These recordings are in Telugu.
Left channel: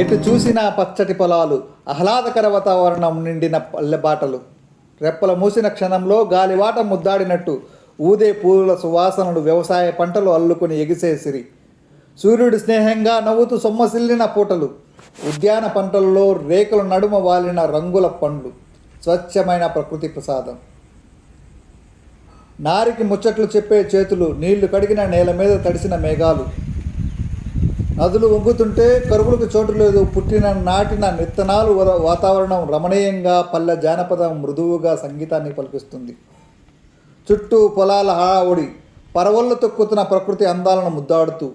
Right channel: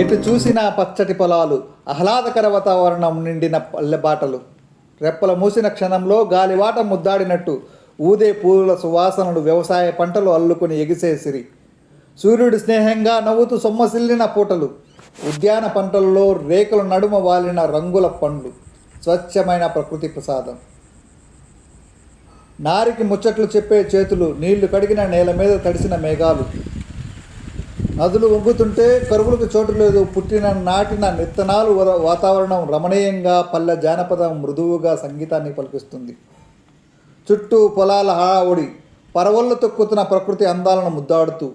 ఎటు చూసినా పచ్చటి పొలాలు ఆహ్లాదకర వాతావరణం నిండిన పల్లెబాటలు రెప్పల మూసిన క్షణంలో గాలివాట ముద్దాడినట్టు ఊదే పూల సువాసనలు వ్యవసాయ పంటలు అల్లుకొని ఎగిసేసిరి సూర్యుడు స్నేహంగా నవ్వుతూ సొమ్మసిల్లిన పూటలు ఉద్యాన పంటల్లో రేకుల నడుమ వాలిన రంగుల పండ్లు. స్వచ్ఛమైన ప్రకృతి ప్రసాదం. నారికి ముచ్చట్లు చెప్పే చేతులు నీళ్ళు కడిగిన నేల మీద తడిసిన మేఘాలు. నదులు వంగుతుంటే కరువులకు చోటు లేదు. పుట్టిన నాటిన విత్తనాలు వాతావరణం రమణీయంగా పల్లె జానపదం మృదువుగా సంగీతాన్ని పలికిస్తుంది. చుట్టూ పొలాల హడావుడి పరవళ్ళు తొక్కుతున్న ప్రకృతి అందాలను ముద్దాడుతూ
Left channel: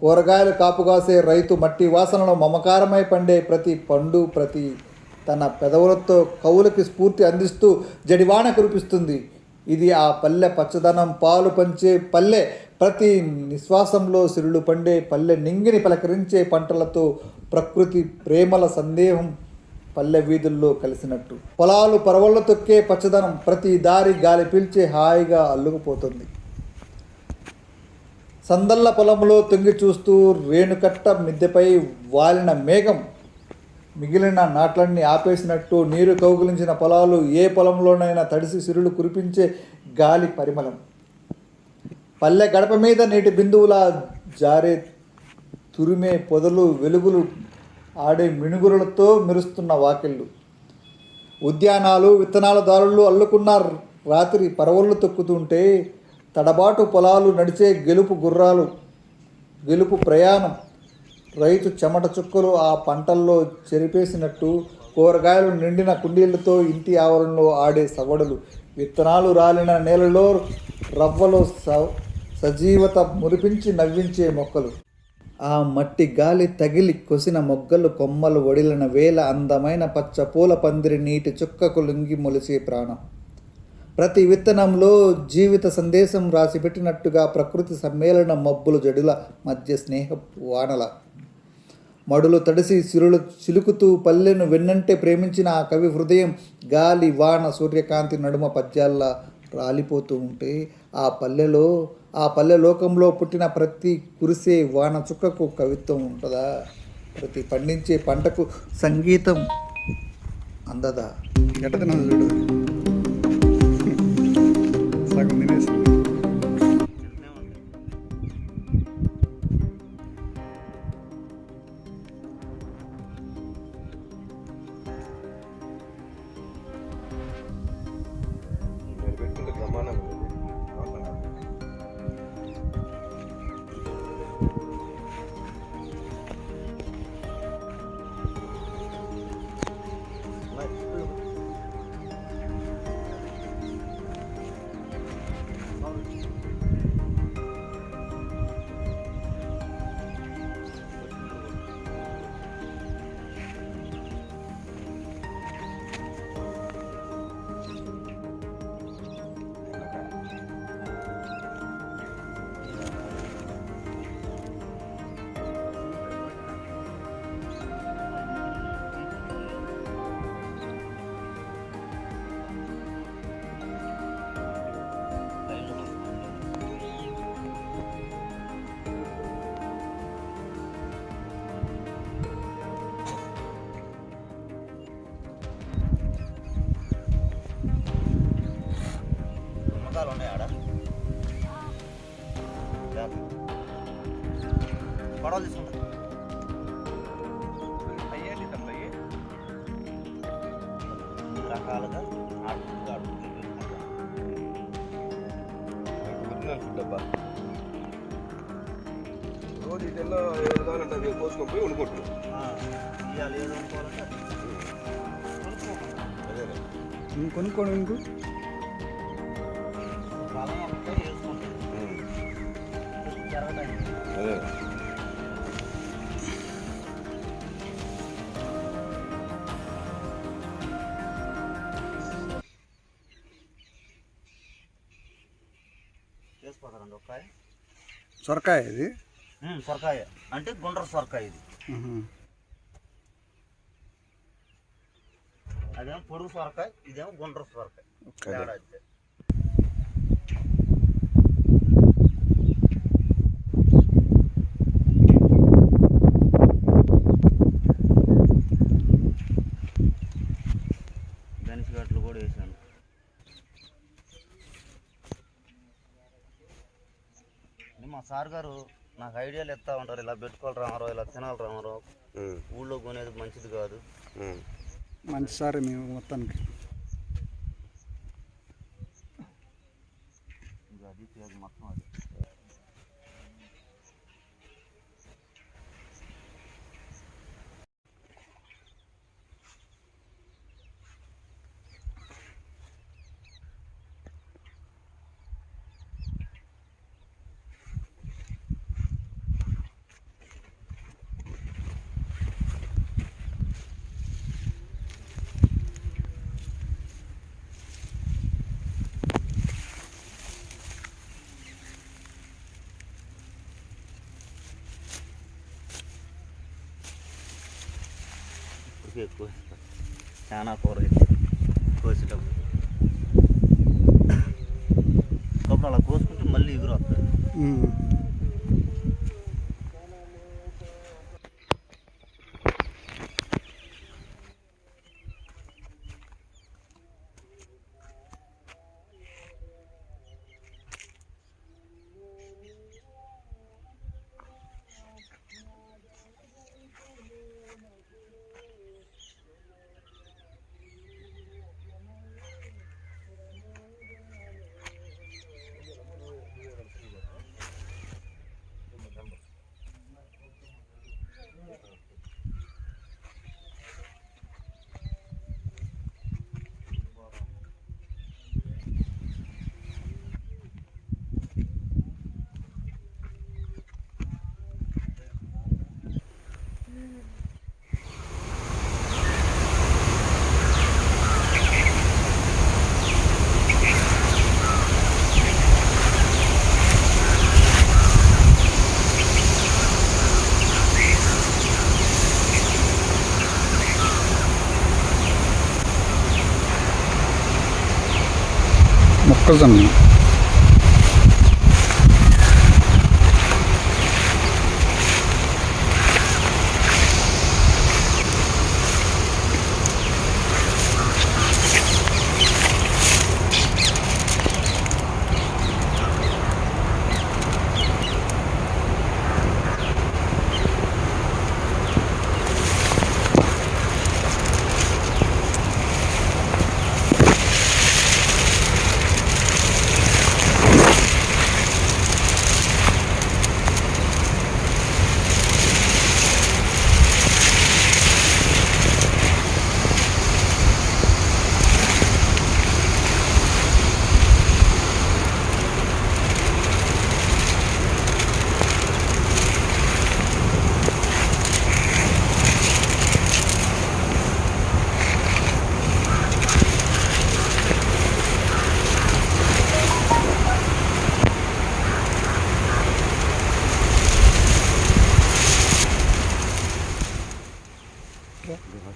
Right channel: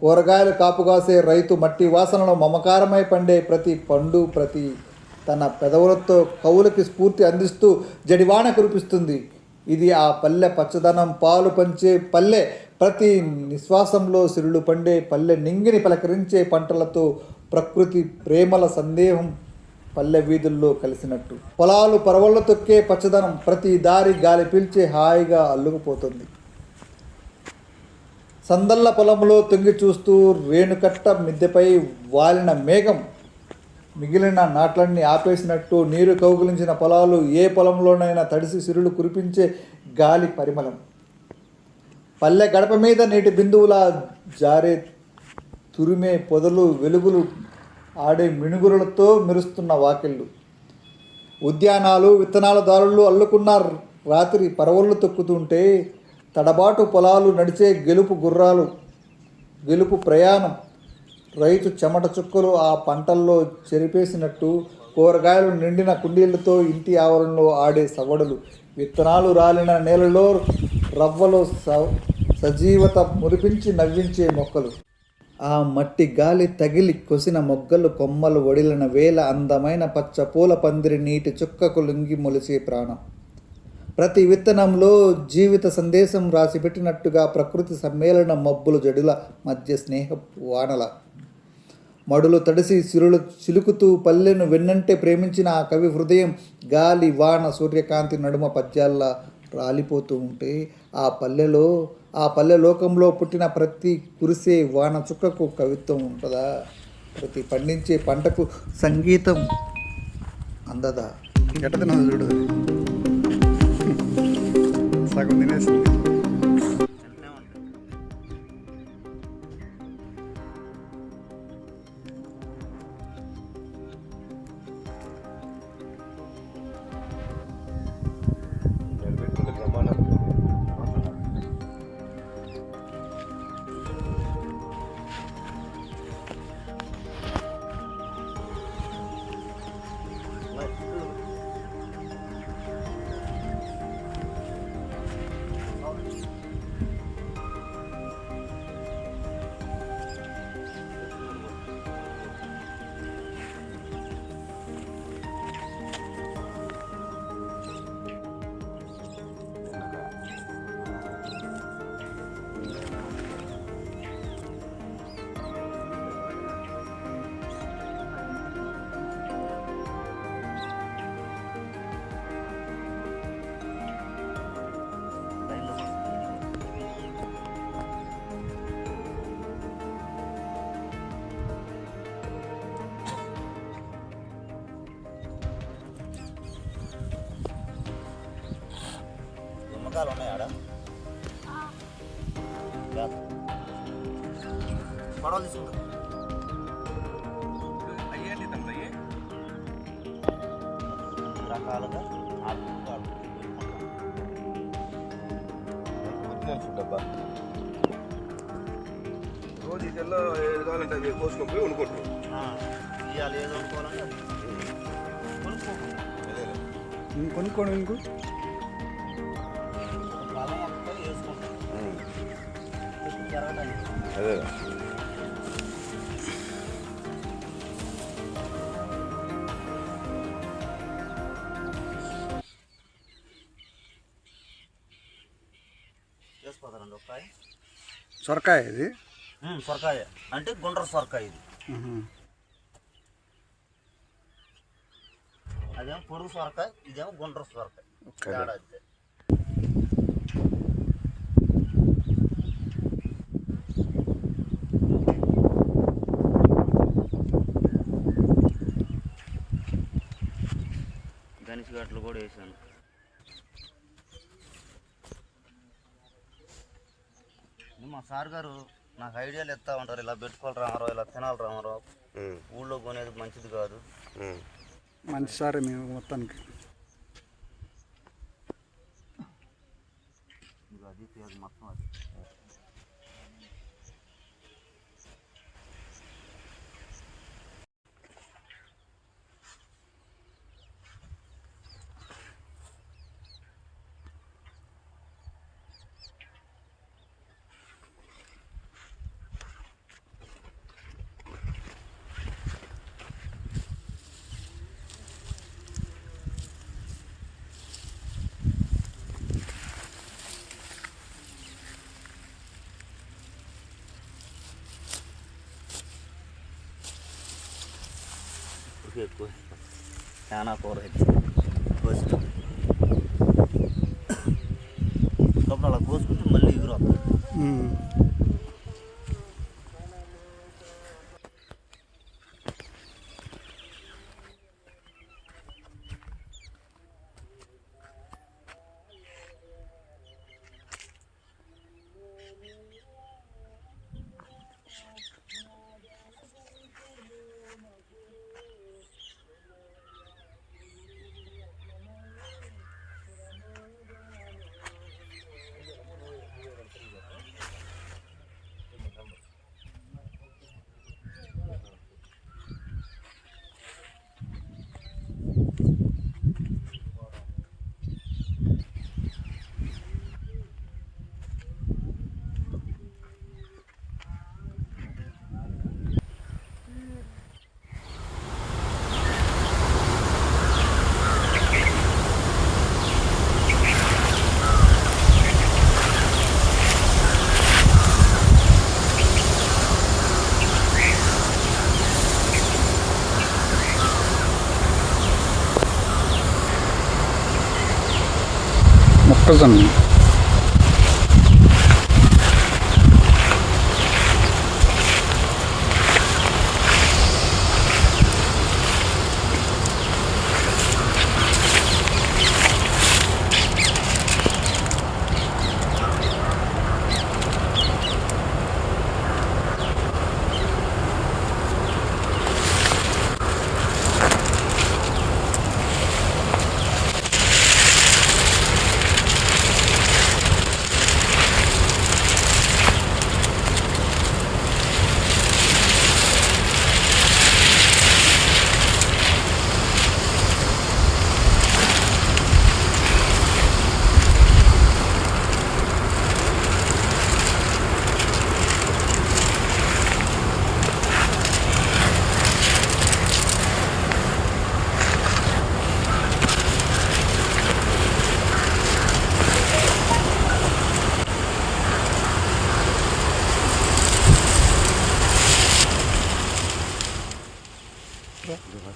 కూరగాయలు కాపుగాసే రైతు మట్టి వాసనలో మమకారమై పండే ప్రతి పండు ప్రతి తన పెదవులతో కవులకి స్ఫూర్తి అందిస్తూ జడివాన కురిపిస్తుంది. ఇది ఆ పల్లె పచ్చదనం పాలు పంచే పల్లె ప్రతి నిశ్వాసంలో సిరులు పండే పల్లె నింగిని పలకరించే పంటలతో ప్రకృతి ప్రేమల సందేహం పల్లె వీధుల్లో కలిసినట్టు. పొలాలు పరవళ్ళ తొక్కే పచ్చదనం ప్రతి దారి గాలి పీల్చే హాయిగా అల్లుకుపోతుంది. సందల్ల పొలంలో తొంగి చూస్తూ రేణుకట్ట మిద్దెపై వాలిన మేఘం మిగిలిన నాట్లన్నీ ఆపేసినట్టు నీరు కౌగిలించిన పొలాలు ఏ పొలంలోనైనా తడిసి సిరులు కురిపించే గాలి పరిమళం. పల్లె గడప మీద నీటి బిందువులా జారే తురిమే పొదలు వెలుగులు ఆడే మిణుగురులతో మెరుస్తున్న వాకిళ్ళు. ఉద్యానాలు విత్తనాల దారులు అల్లుకున్న రాత్రి పరవళ్ళు తొక్కుతుంటే తడబాటు పొలాలు నడిచే గెలుపు గుర్రాలు గెలుపు ప్రయాణం. రైతు చెమట చుక్కలు ఆ పంటల్లో చెరిపేసినట్టు కూరగాయలు నిండిన కుండీలతో ఇంటి ఆవరణలో ఆడే సవడలు విత్తనాలు రాలిన నేలలో రవ్వలో స సజీవత మురిపించి నవ్వించే మొక్కలు. ఆ మట్టి గాలి తగిలి కొసిన మొగ్గలు కొమ్మలు వడిలిన వేల అందమైన పచ్చ పూల పందిరి నీటి చుక్కకు లొంగి మొలిసే ప్రాణం. ప్రతి విత్తనంలో జీవిత సందేశం రాసిపెట్టినట్టుగా ప్రకృతి సమ్మేళన మబ్బుల జడుల మధ్య స్నేహ వానల. మడులు తడిసి సిరులు చిలుకుతూ పల్లెను వెన్నంటే ప్రేమించిన ఆ కవి హృదయం గాలి వాన సూర్యకాంతి నడుమ పద్యాల్లా రాలిపోతూ ఉంటే ఆ పల్లెలో ఆ పల్లె లోకంలో పుట్టిన ప్రతి కురిసే వాన చుక్కకు కవిత్వం ఉంటుందా? ప్రతి పండించే పంటకు సంగీతం అందదా? ఎట్ట చూడు. సగం తినేసింది. పడవలు తీసుకుంటా అయ్యండి తమ్ముడు రకాలుగా ఆడుకుంటూ ఆడుకుంటూ డబ్బా రోజు ఇటల్లో ఏది కావాలంటే అది కోసుకొని పోయి వండుకుంటున్నాం. ఇవాళ ఏది. కొనుక్కోకండి. ఇంకొనుక్కోడు ఇంకో పొలం అంతా వేసుకుంటాం. జరగడానికి అదే. సొరకాయ ఇది? సొరకాయ. అంటే గుండ్ర సొరకాయ ఇది. అదేమో పొడుగు సొరకాయ ఇదేమో గుండ్ర సొరకాయ. మా సార్ గారు నాకు ఐడియాలు ఇస్తా ఉంటారు ఇలా పెట్టుకోవాలి రామారావు ఇలా తినాలి రామారావు ఊళ్ళో కొనేది మంచిది కాదు. మంచి సారే మేము మొత్తానికి ఇది అది పేరు మొత్తం అది ఇప్పుడు ఎక్కువ. చాలా కూర అయితే. కోసేటప్పుడు అప్పుడు అలా కోసుకుంటే మళ్ళీ ఎగురు వస్తుంది. প্রজন্ম।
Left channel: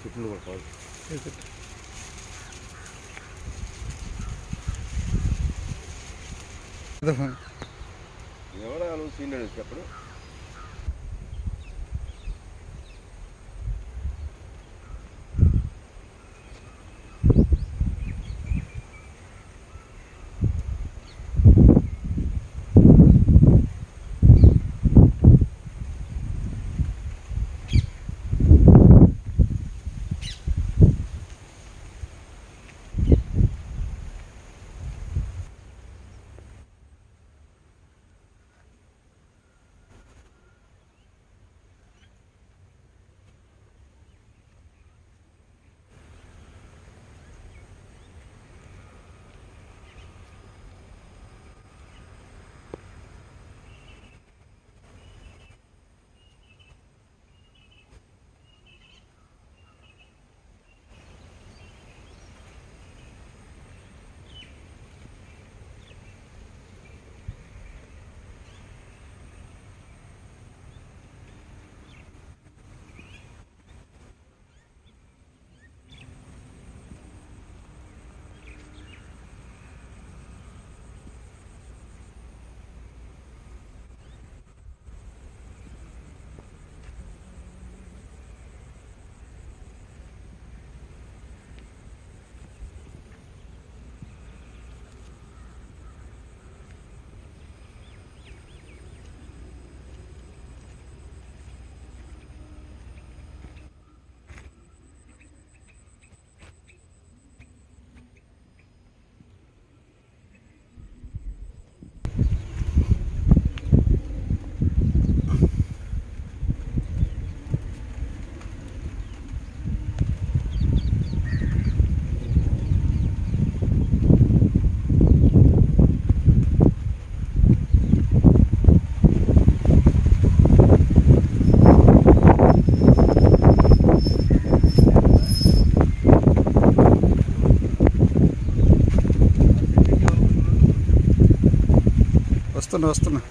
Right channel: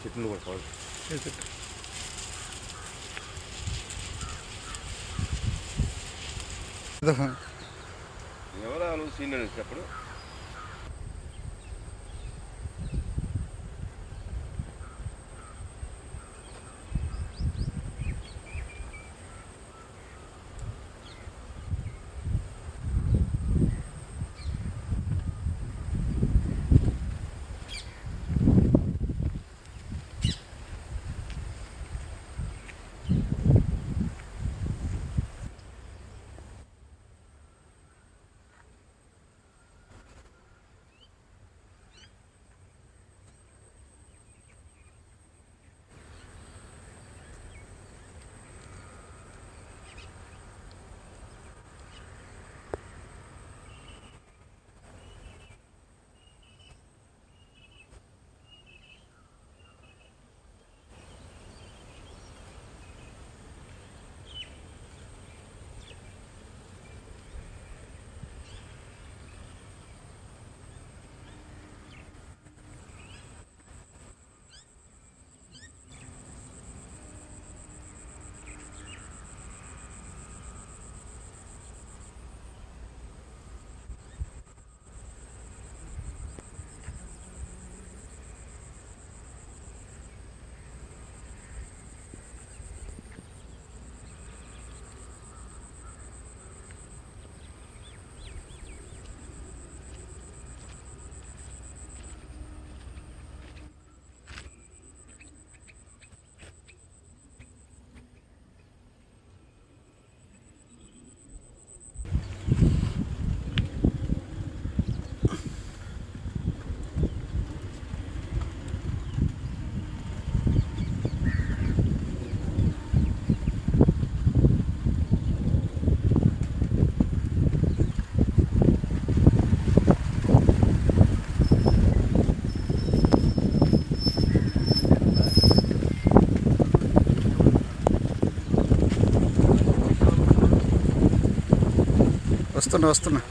చెట్లు కూడా కాదు ఎవరు సీనియర్ చెప్పడు. వస్తున్నా వస్తున్నా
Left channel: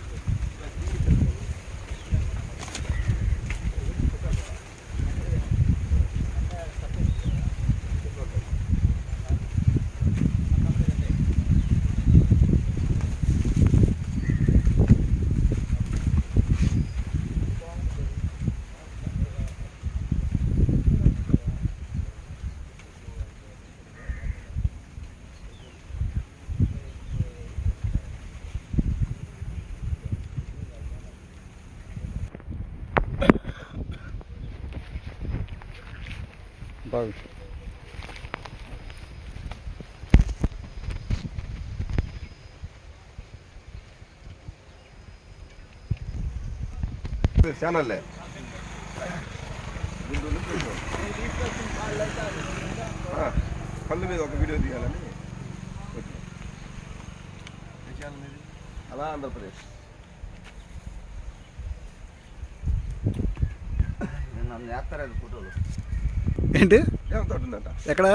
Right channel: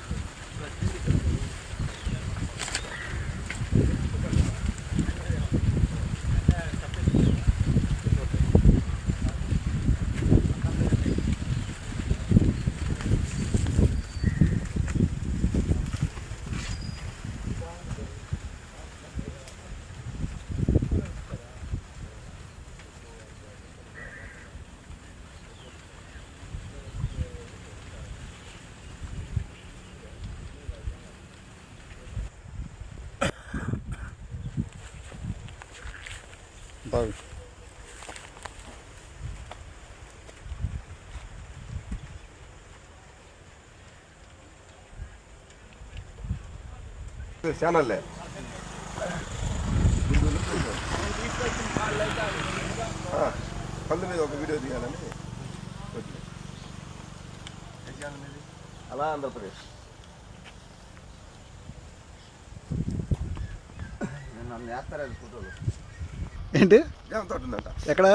బాగు ఛానల్లే ఆ, కళ్ళు మీద ఒక వీడియో తీయాలని పెట్టినా. అలా ఆంధ్రప్రదేశ్ నేను నన్ను వేస్తారా ఫోటోలు ఏంటి? ఎక్కడ?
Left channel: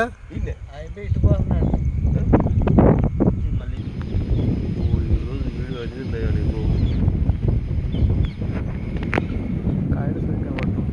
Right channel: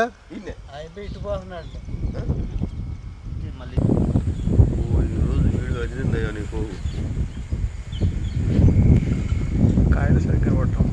కాయలు సరిగ్గా పట్టడం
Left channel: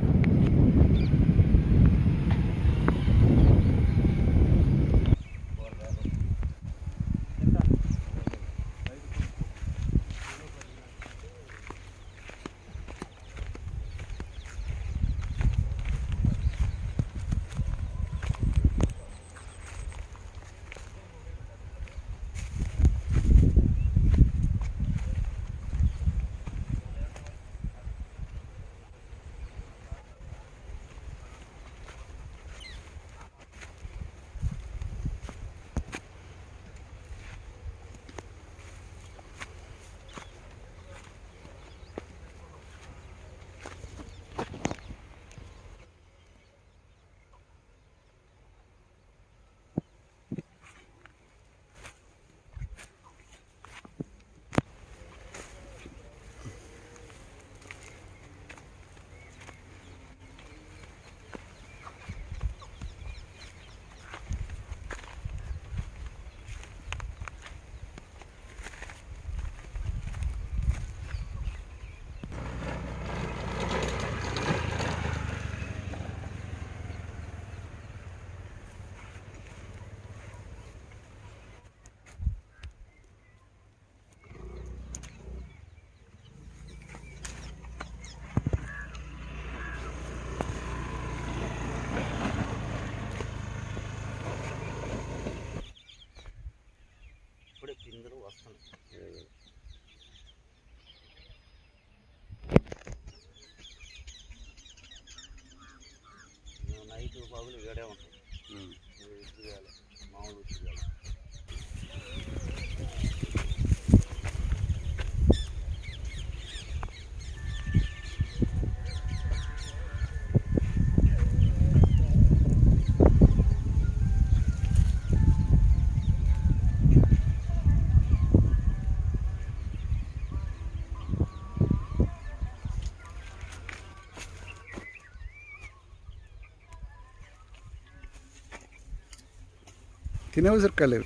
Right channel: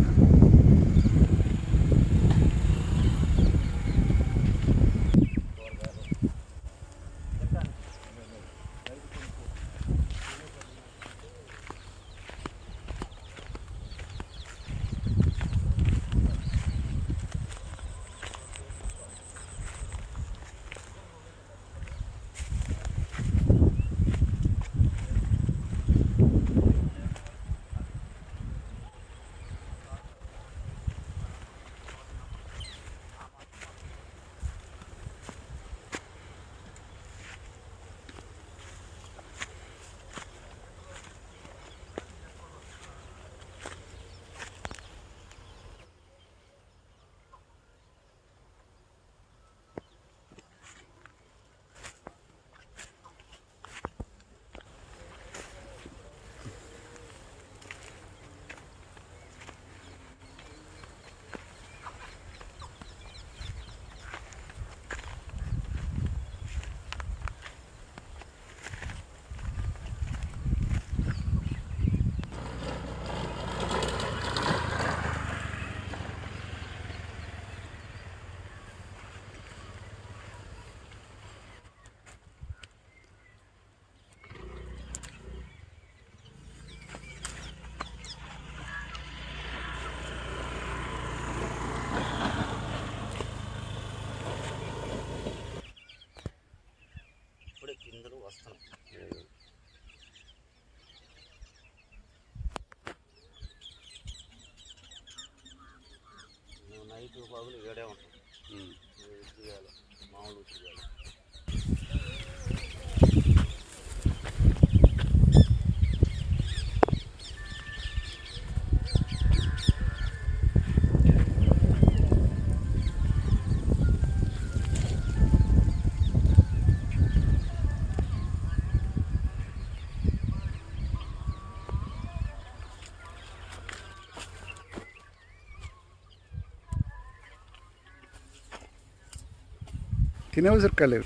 తినే ఉసిరికాయలేదు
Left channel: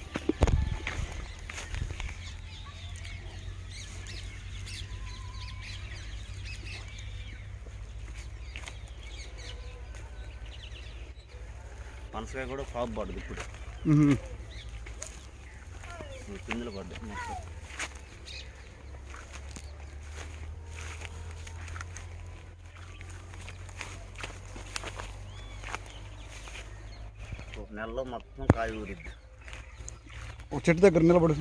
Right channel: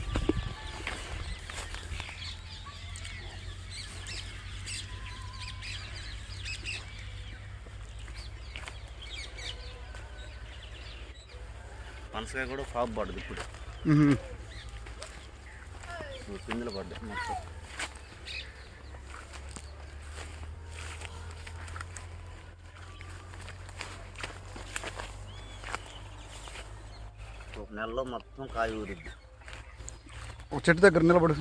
పనసకాయ కూడా పాపు పడదు ఇప్పుడు. పిందులు పడ్డాయి మొత్తం. ఒక నెలలో మొత్తం కాయ ఊరిద్ది. ఒక చెట్టు దగ్గర నిలబడి.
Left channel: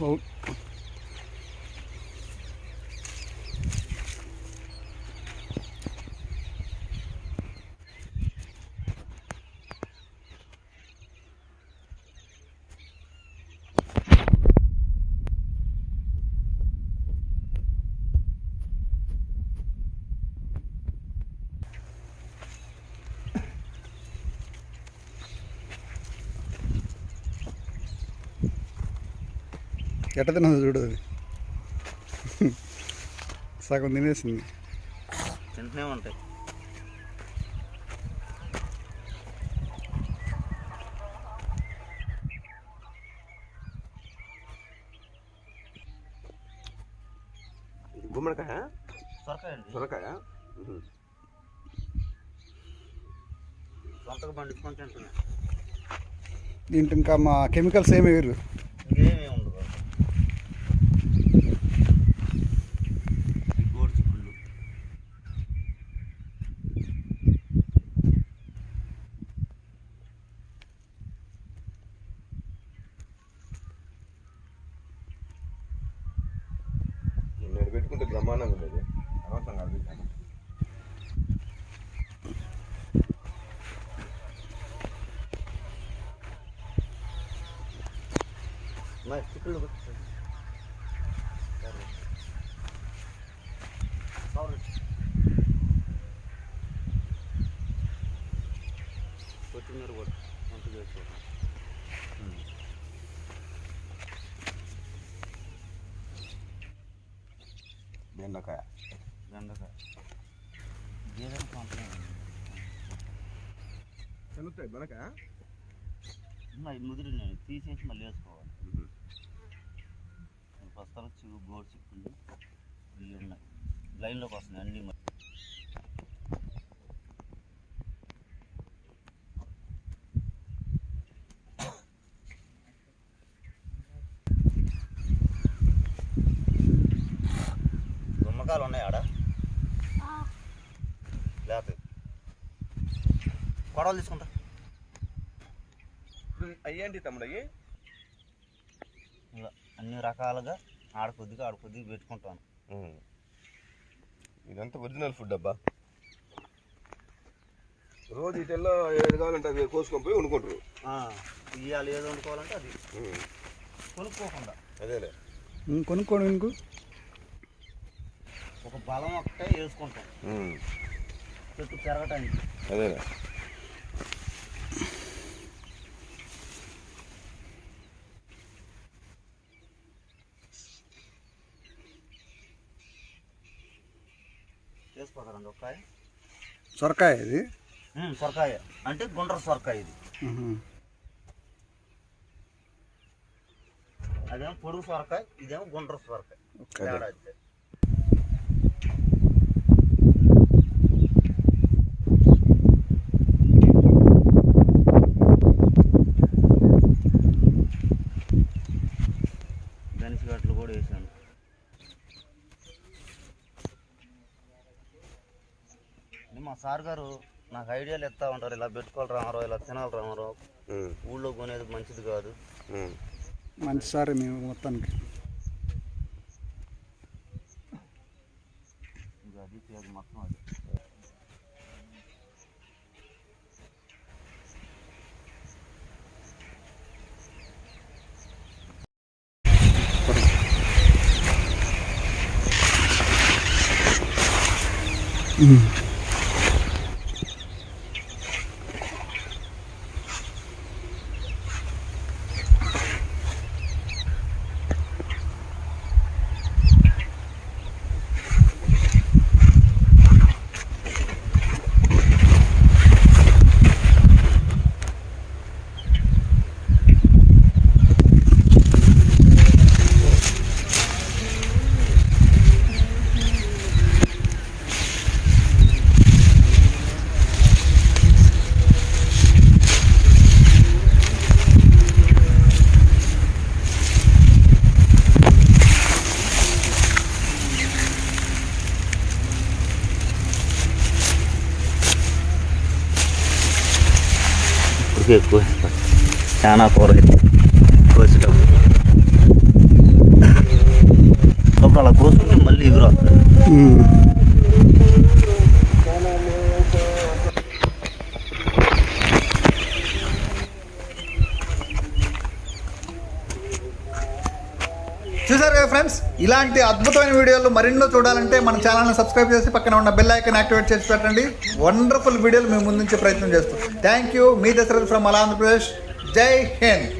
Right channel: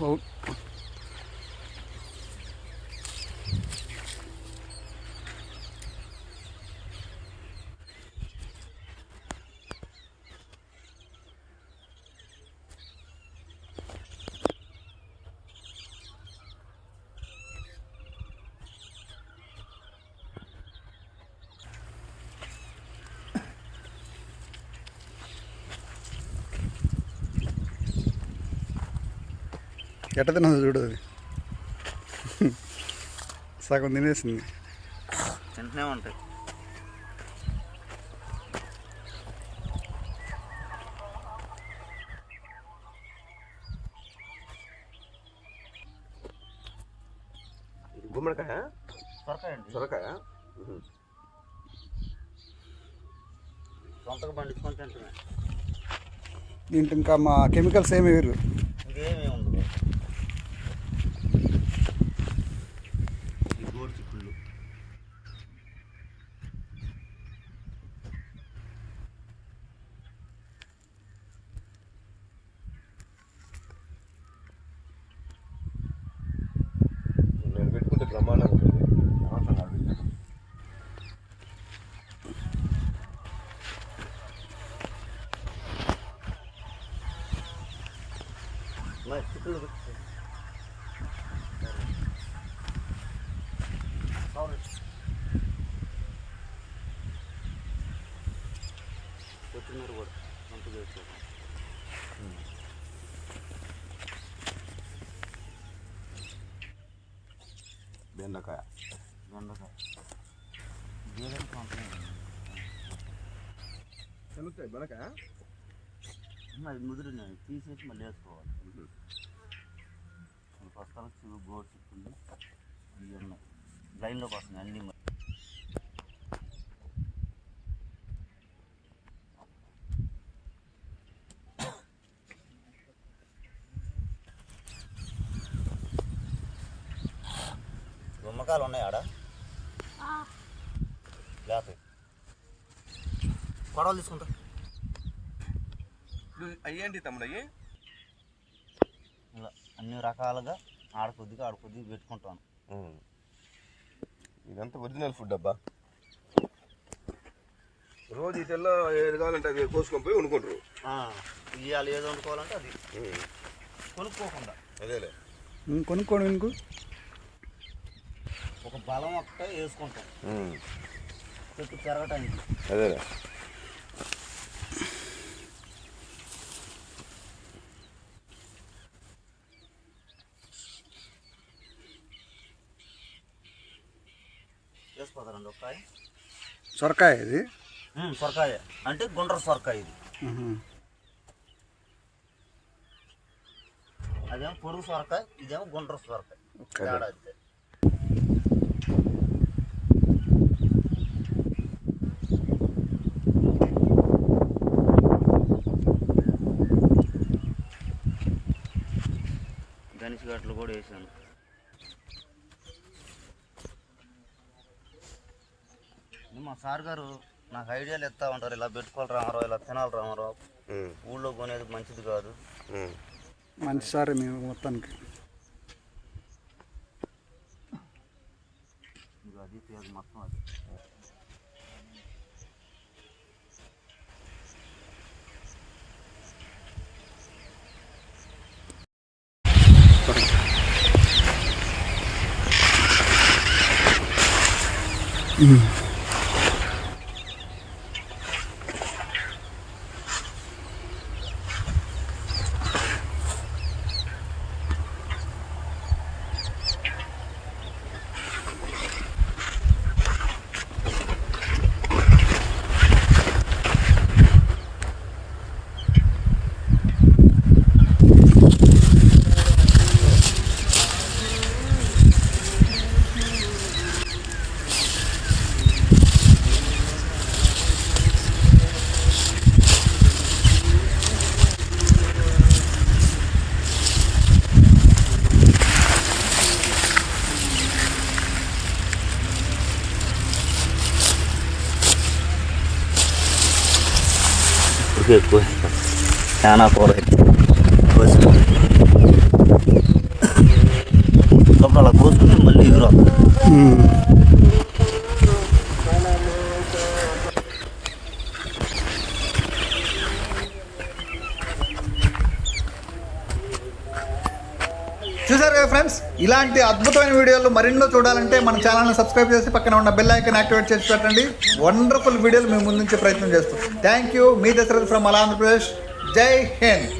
ఎట్ట తిన్నది చూడు అది. సగం తినేసింది. తింటూనే ఉంటాయి. గుమ్మడికాయ? సొరకాయ సొరకాయ? దీంట్లో ఇంకా మా కెమికల్స్ ఏమి వేరు నేను పెట్టుకుంటే బ్రహ్మాండంగా ఉంటుంది అవసరం కాదు మరి చిక్కుళ్ళు ఉన్నాయి ముదిరినాయి తీసేసి మళ్ళీ వేసుకోవాలి. ప్రస్తుతం చిగు గోడు చిక్కుంది. ఇవి ఉన్నాయి. లైన్లోకి వస్తున్నాయి అన్నీ మరి. గుమ్మకాయలు ఉన్నాయి ఆడ? లేకపోతే. కొడవలు తీసుకుంటా. అయ్యండి తమ్ముడు అయ్యి ఇలా అన్ని రకాలుగా ఆడ కొద్దిగా ఆడ కొద్దిగా పెట్టుకుంటాను ఇదంతా ఒరిజినల్ ఫుడ్ అబ్బా. రోజు ఇటల్లో ఏది కావాలంటే అవి కోసుకొని పోయి వండుకుంటారు. ఇవాళ ఏది వండుకోవాలంటే అది. కొనుక్కోకుండా. అదేలే. కొనుక్కోండి ఇంకు ఒక బలం ఒకటే వేసుకుంటాం. చెట్టు పెరగటానికి. అదేలే వేసుకోతారండి ఒక కాయ సొరకాయ ఇది? సొరకాయ. అంటే గుండ్ర సొరకాయ ఇది. అదేమో పొడుగు సొరకాయ ఇదేమో గుండ్ర సొరకాయ ఓకే. తేడా అంతే గణేష్ ఘాట్లు కూడా వేసాను ఇది మా సార్ గారు నాకు ఐడియాలు ఇస్తా ఉంటారు. ఇలా పెట్టుకోవాలి రామారావు ఇలా తినాలి రామారావు. ఊళ్ళో కొనేది మంచిది కాదు. మంచి సార్ మేము మొత్తానికి. ఇంకా అది పేరు మొత్తం అది. ఇప్పటికే ఎక్కువ వేస్తాను. చాలా కూర కోసినాం అప్పుడు అలా కోసుకుంటే మళ్ళీ ఎగురు వస్తుంది ఉమ్. చూసారు కదా ఫ్రెండ్స్ ఇలాంటి అద్భుతమైన వీడియోలు మరెన్నో చూడాలంటే మన ఛానల్ని సబ్స్క్రైబ్ చేసి పక్కన ఉన్న బెల్ ఐకన్ యాక్టివేట్ చేసి పెట్టండి. వండర్ఫుల్ వీడియోలు మేము ముందుంచే ప్రయత్నం చేస్తాం. థ్యాంక్ యూ మీ దశరథ్ ఫ్రమ్ అలా ఆంధ్రప్రదేశ్ జై హింద్